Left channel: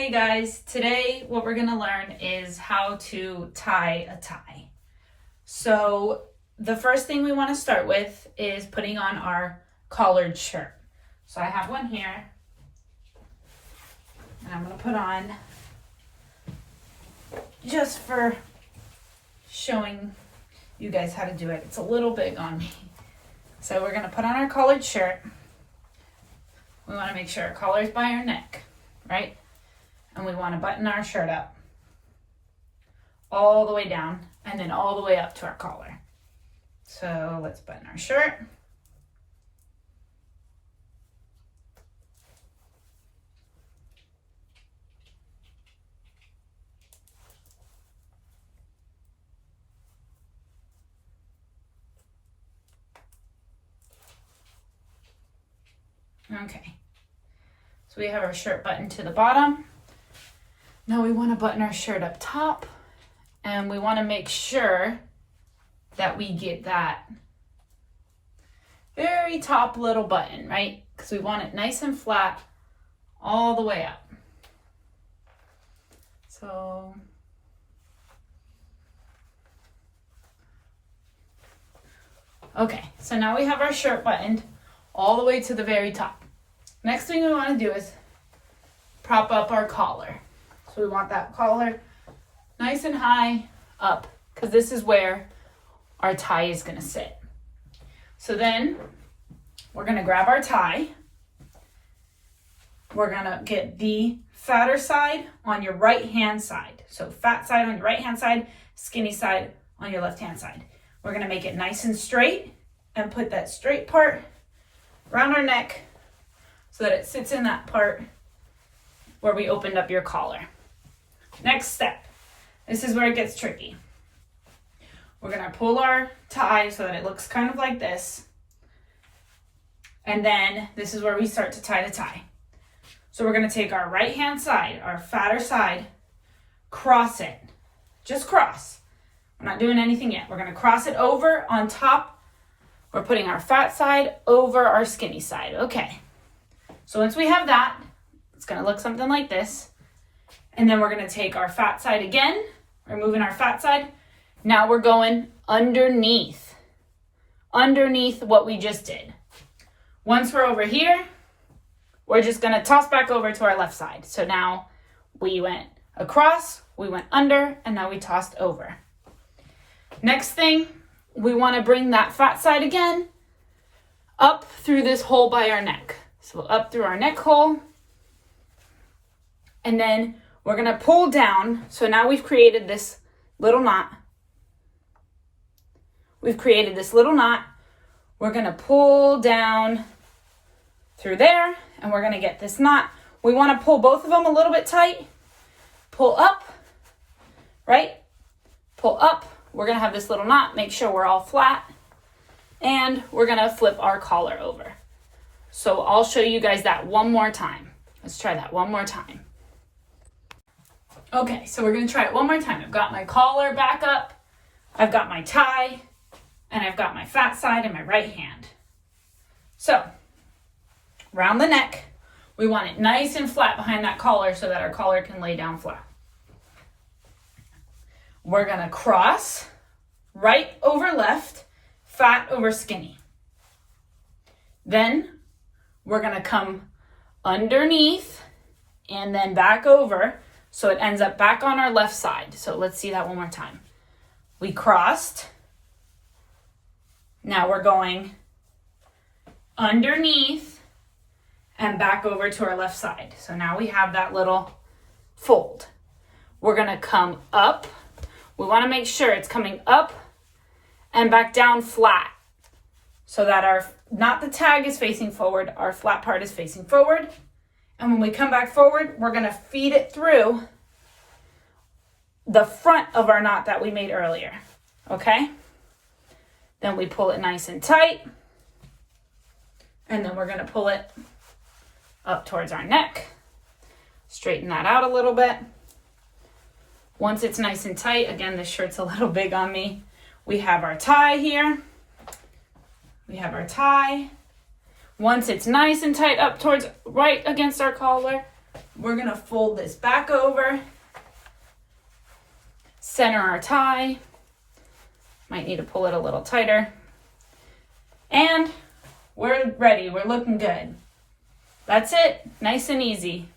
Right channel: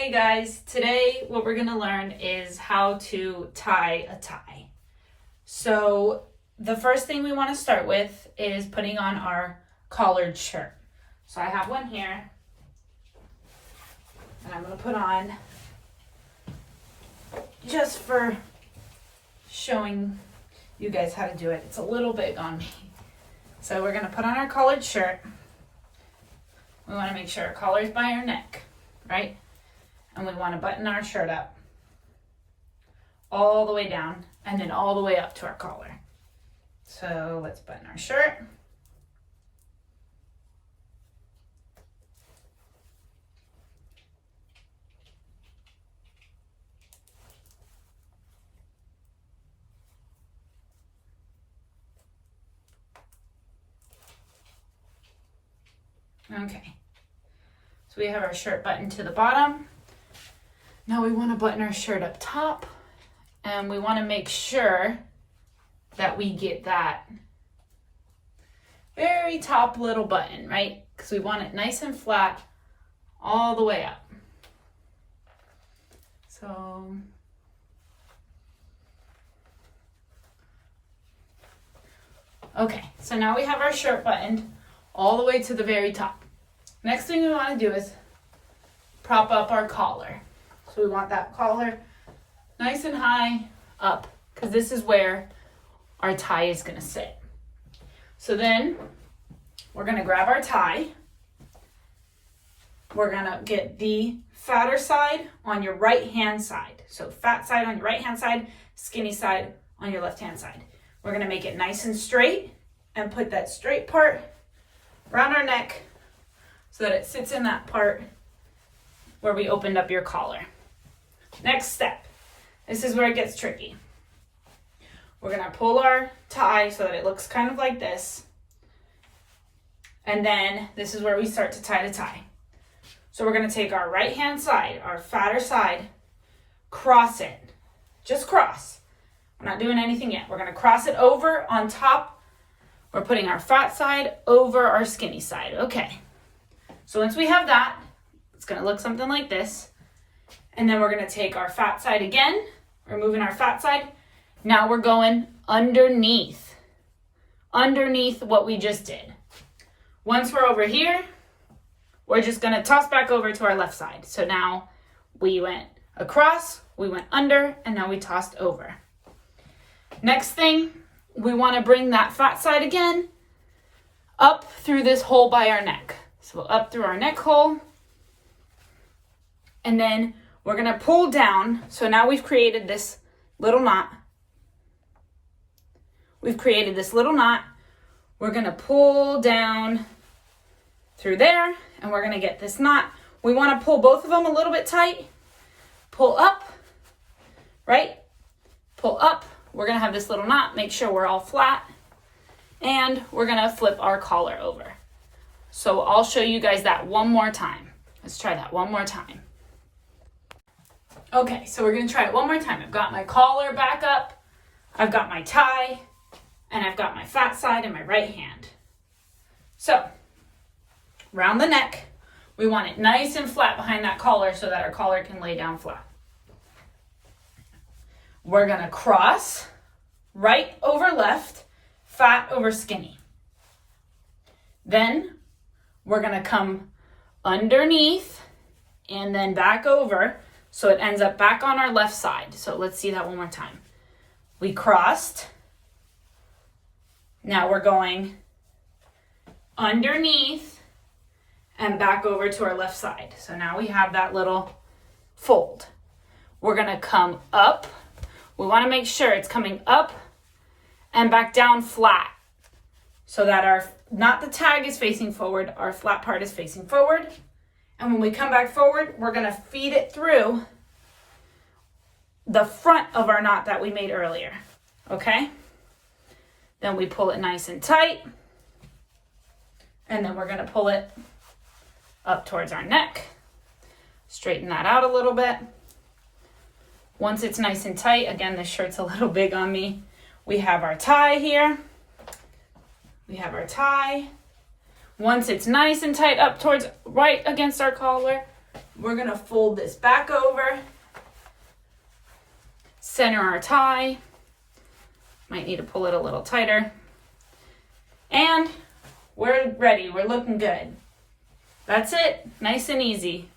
Hey guys, today what we're gonna learn is how to tie a tie. So the first thing we wanna start with is putting on our collared shirt. So I have one here, and I'm gonna put on, just for showing you guys how to do it. It's a little big on me. So we're gonna put on our collared shirt. We wanna make sure our collar's by our neck, right? And we want to button our shirt up all the way down and then all the way up to our collar. So let's button our shirt. Okay, so we have our shirt buttoned to the bottom. Now we want to button our shirt up top, and we want to make sure that we get that very top little button, right? Because we want it nice and flat all the way up. So okay, so now we have our shirt buttoned all the way to the very top. Next thing we want to do is prop up our collar. So we want that collar nice and high up, because this is where our tie is going to sit. So then we're going to grab our tie. We're going to get the fatter side on your right hand side. So fat side on your right hand side, skinny side on your left hand side. We're going to make it nice and straight and put that straight part around our neck so that it sits in that part where we opened up your collar. Next step, this is where it gets tricky. We're gonna pull our tie so that it looks kind of like this. And then this is where we start to tie the tie. So we're gonna take our right hand side, our fatter side, cross it, just cross. We're not doing anything yet. We're gonna cross it over on top. We're putting our fat side over our skinny side. Okay, so once we have that, it's gonna look something like this. And then we're gonna take our fat side again, removing our fat side. Now we're going underneath what we just did. Once we're over here, we're just gonna toss back over to our left side. So now we went across, we went under, and now we tossed over. Next thing, we wanna bring that fat side again up through this hole by our neck. So up through our neck hole, and then we're gonna pull down. So now we've created this little knot. We're gonna pull down through there, and we're gonna get this knot. We wanna pull both of them a little bit tight. Pull up, right? Pull up. We're gonna have this little knot. Make sure we're all flat. And we're gonna flip our collar over. So I'll show you guys that one more time. Let's try that one more time. Okay, so we're gonna try it one more time. I've got my collar back up, I've got my tie, and I've got my fat side in my right hand. So, round the neck, we want it nice and flat behind that collar so that our collar can lay down flat. We're gonna cross right over left, fat over skinny. Then we're gonna come underneath and then back over, so it ends up back on our left side. So let's see that one more time. We crossed. Now we're going underneath and back over to our left side. So now we have that little fold. We're gonna come up. We wanna make sure it's coming up and back down flat so that not the tag is facing forward, our flat part is facing forward. And when we come back forward, we're gonna feed it through the front of our knot that we made earlier, okay? Then we pull it nice and tight, and then we're gonna pull it up towards our neck. Straighten that out a little bit. Once it's nice and tight, again, this shirt's a little big on me. We have our tie here. Once it's nice and tight up towards right against our collar, We're gonna fold this back over, center our tie. Might need to pull it a little tighter. And we're ready, we're looking good. That's it, nice and easy.